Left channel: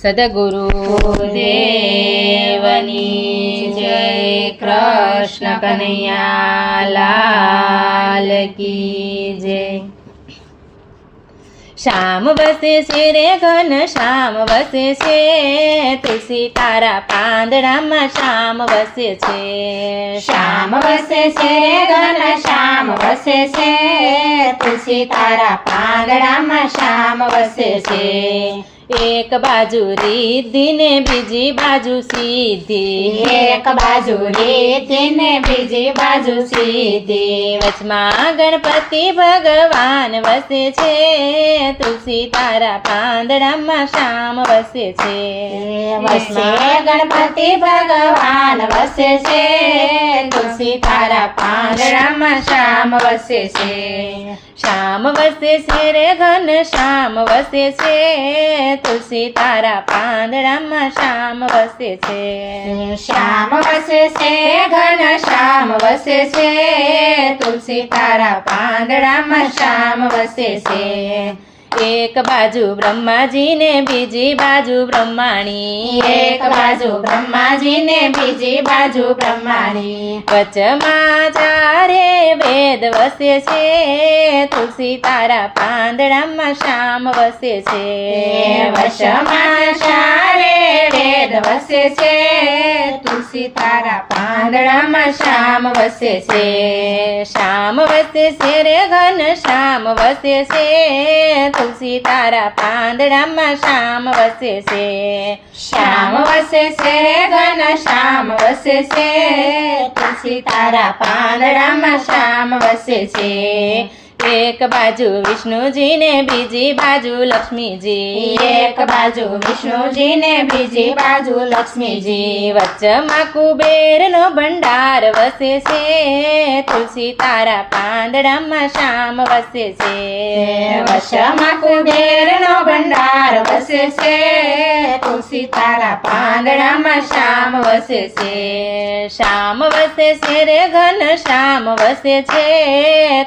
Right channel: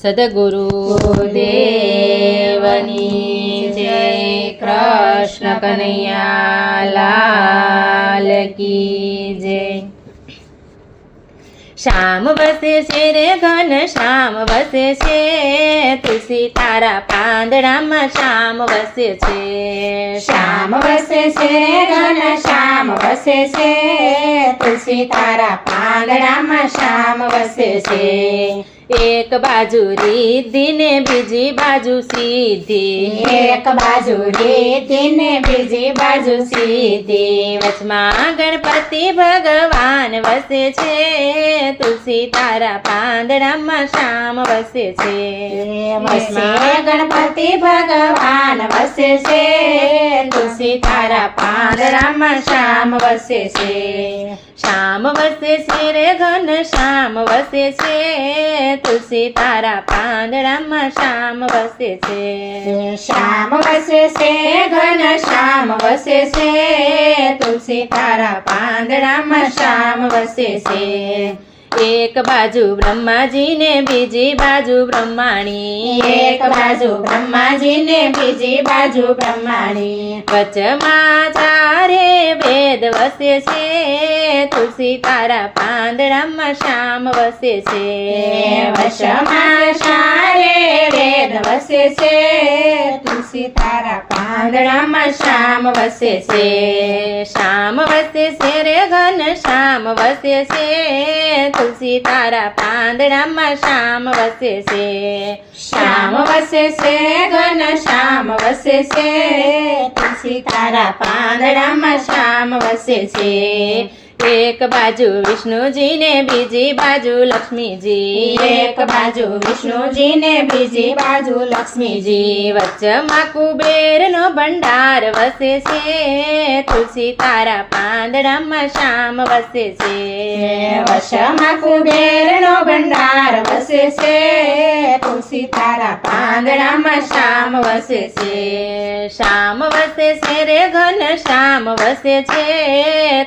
સદગુરુ દેવની જય. કૃષ્ણ કનૈયા લાલ કી જય. શ્યામ વસે છે રે ઘન શ્યામ વસે છે, તુલસી તારા પાંદડામાં શ્યામ વસે છે. શ્યામ વસે છે ઘન શ્યામ વસે છે, તુલસી તારા પાંદડામાં શ્યામ વસે છે. એક બાજુ રિદ્ધિ ને બીજી બાજુ સિદ્ધિ, એક બાજુ રિદ્ધિ ને બીજી બાજુ સિદ્ધિ. વચમાં ગણપતિ ભગવાન વસે છે, તુલસી તારા પાંદડામાં શ્યામ વસે છે. વચમાં ગણપતિ ભગવાન વસે છે, તુલસી તારા પાંદડામાં શ્યામ વસે છે. શ્યામ વસે છે રે ઘન શ્યામ વસે છે, તુલસી તારા પાંદડામાં શ્યામ વસે છે. શ્યામ વસે છે ઘન શ્યામ વસે છે, તુલસી તારા પાંદડામાં શ્યામ વસે છે. એક બાજુ બ્રહ્માજી ને બીજી બાજુ બ્રહ્માણી, એક બાજુ બ્રહ્માજી ને બીજી બાજુ બ્રહ્માણી. વચમાં ચારે વેદ વસે છે, તુલસી તારા પાંદડામાં શ્યામ વસે છે. વશમાં ચારે વેદ વસે છે, તુલસી તારા પાંદડામાં શ્યામ વસે છે. શ્યામ વસે છે રે ઘન શ્યામ વસે છે, તુલસી તારા પાંદડામાં શ્યામ વસે છે. શ્યામ વસે છે ઘન શ્યામ વસે છે, તુલસી તારા પાંદડામાં શ્યામ વસે છે. એક બાજુ વિષ્ણુજી ને બીજી બાજુ લક્ષ્મીજી, એક બાજુ વિષ્ણુજી ને બીજી બાજુ લક્ષ્મીજી. વચ્ચમાં કુબેરનો ભંડાર વસે છે, તુલસી તારા પાંદડામાં શ્યામ વસે છે. વશમાં કુબેરનો ભંડાર વસે છે, તુલસી તારા પાંદડામાં શ્યામ વસે છે. શ્યામ વસે છે રે ઘન શ્યામ વસે છે,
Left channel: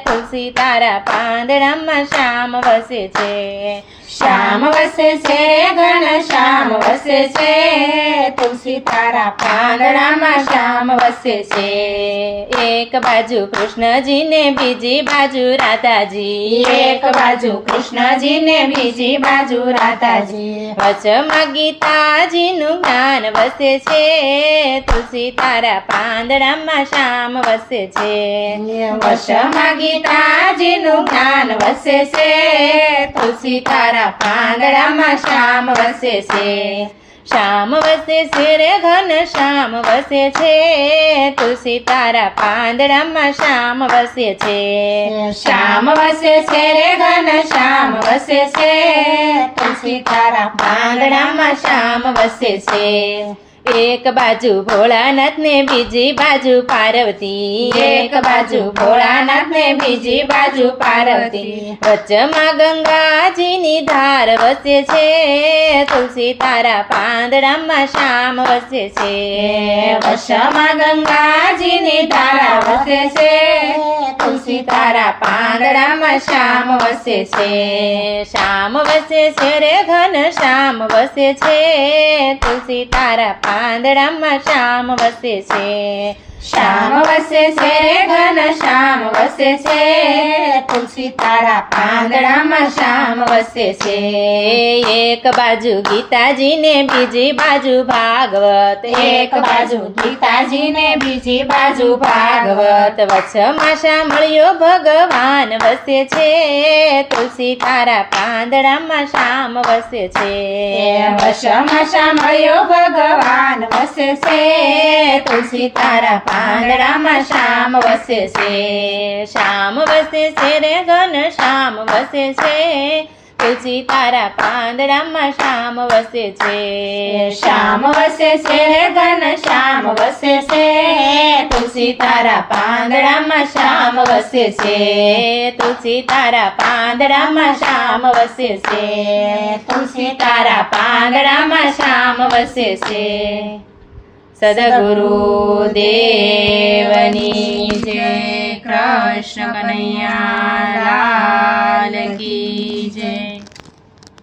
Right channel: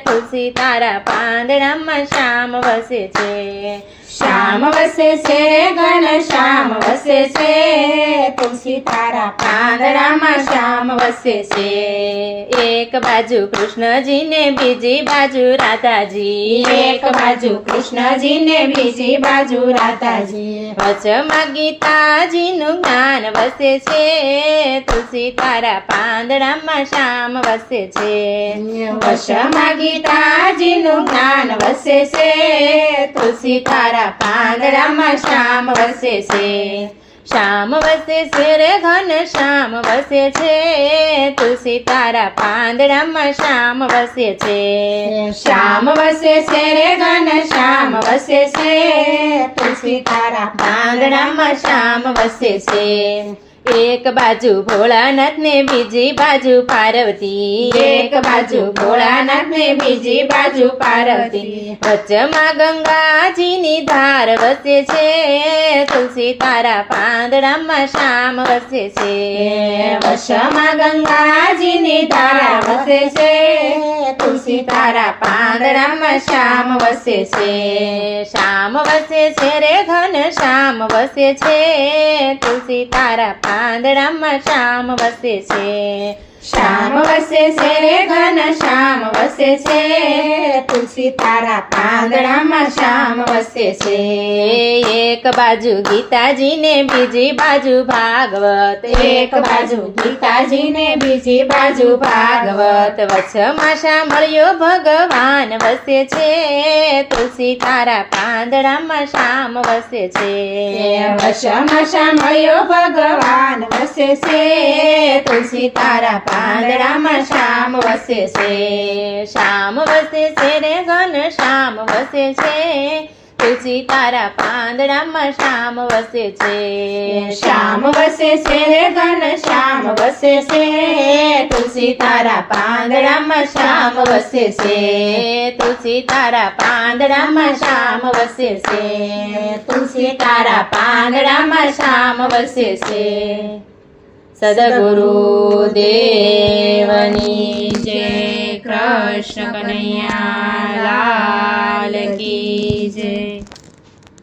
તુલસી તારા પાંદડામાં શ્યામ વસે છે. શ્યામ વસે છે ઘન શ્યામ વસે છે, તુલસી તારા પાંદડામાં શ્યામ વસે છે. એક બાજુ કૃષ્ણજી ને બીજી બાજુ રાધાજી, એક બાજુ કૃષ્ણજી ને બીજી બાજુ રાધાજી. વચમાં ગીતાજીનું જ્ઞાન વસે છે, તુલસી તારા પાંદડામાં શ્યામ વસે છે. વશમાં ગીતાજીનું જ્ઞાન વસે છે, તુલસી તારા પાંદડામાં શ્યામ વસે છે. શ્યામ વસે છે રે ઘન શ્યામ વસે છે, તુલસી તારા પાંદડામાં શ્યામ વસે છે. શ્યામ વસે છે રે ઘન શ્યામ વસે છે, તુલસી તારા પાંદડામાં શ્યામ વસે છે. એક બાજુ ભોળાનાથ ને બીજી બાજુ પાર્વતી, એક બાજુ ભોળાનાથ ને બીજી બાજુ પાર્વતી. વચમાં ગંગાજીની ધાર વસે છે, તુલસી તારા પાંદડામાં શ્યામ વસે છે. વશમાં ગંગાજીની ધારા વસે છે, તુલસી તારા પાંદડામાં શ્યામ વસે છે. શ્યામ વસે છે રે ઘન શ્યામ વસે છે, તુલસી તારા પાંદડામાં શ્યામ વસે છે. શ્યામ વસે છે ઘન શ્યામ વસે છે, તુલસી તારા પાંદડામાં શ્યામ વસે છે. એક બાજુ ગીતાજી ને બીજી બાજુ ભાગવત, એક બાજુ ગીતાજી ને બીજી બાજુ ભાગવત. વચમાં સાંભળ્યો ભગવાન વસે છે, તુલસી તારા પાંદડામાં શ્યામ વસે છે. વશમાં સાંભળ્યો ભગવાન વસે છે, તુલસી તારા પાંદડામાં શ્યામ વસે છે. શ્યામ વસે છે રે ઘન શ્યામ વસે છે, તુલસી તારા પાંદડામાં શ્યામ વસે છે. શ્યામ વસે છે રે ઘન શ્યામ વસે છે, તુલસી તારા પાંદડામાં શ્યામ વસે છે. તુલસી તારા પાંદડામાં શ્યામ વસે છે. તુલસી તારા પાંદડામાં શ્યામ વસે છે. સદગુરુ દેવની જય. કૃષ્ણ કનૈયા લાલ કી